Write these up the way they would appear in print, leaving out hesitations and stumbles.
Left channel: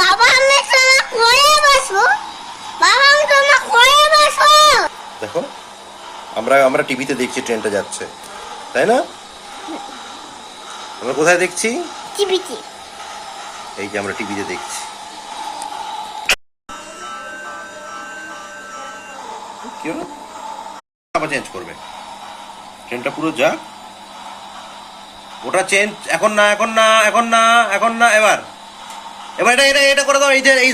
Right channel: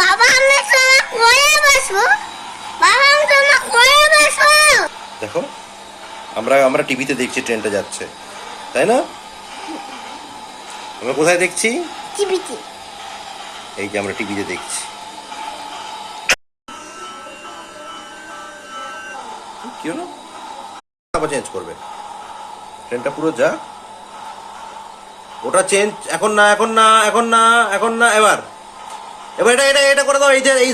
বাবা আমি সোনা করে বসবো। বাবা আমি সোনা করে বসবো। দেখো আমরা আমরা টিভিতে দেখছি ট্রেনটা যাচ্ছে, তাই না? আমরা কোথায় দেখছি? টিভিতে। এই যে আমরা টিভিতে দেখছি। কি হলো? আবার চেঞ্জ করবে, ট্রেনটা পুরো যাক। ওটা চেঞ্জ এখন না, এখন না, এখন না, এখন না। এবার এবার এটা এটা এটা করে দাও। এই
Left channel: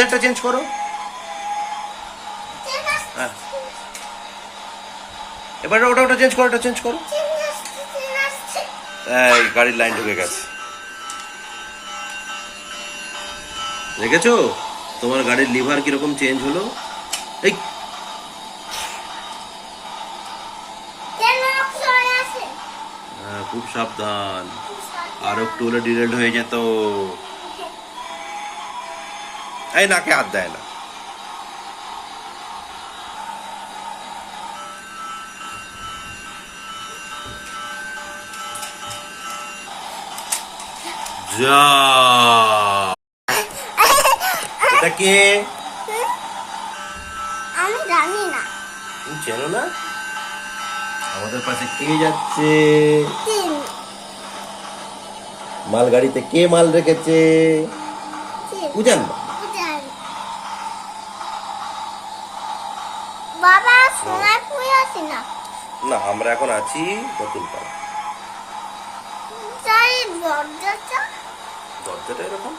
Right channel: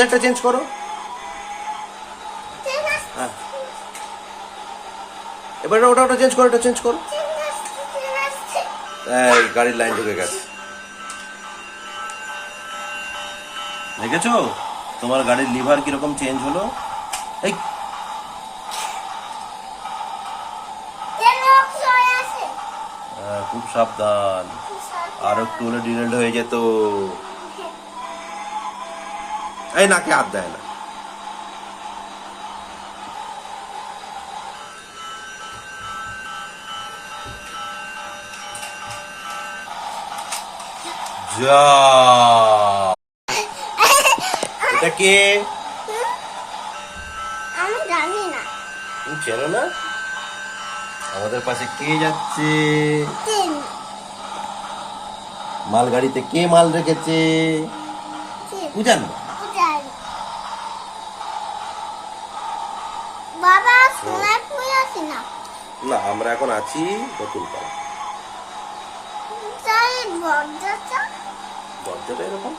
ধারটা চেঞ্জ করো। হ্যাঁ, এবার ওটা ওটা চেঞ্জ করো, এটা চেঞ্জ করো। এই গাড়ির লাইন ঢুকে গেছে, দেখেছো তোমার গাড়ির লিভার কিরকম চেঞ্জ হলো? এই খুব সাবধান, আর একটু হলে ডিলেট হয়ে যেত। এই নাকে হাত দেয় না। যা, এটা কে? আমি জানি না। তুমি চেনো না? আমাদের পাশে কে যাচ্ছে? মালগাড়িতে কে মাল রেখেছে? বুঝান না। বাবা সোনারপুর আছে না? না, আমরা এখন আছি নতুন পাড়া। দরজাটা দরজাটা এরকম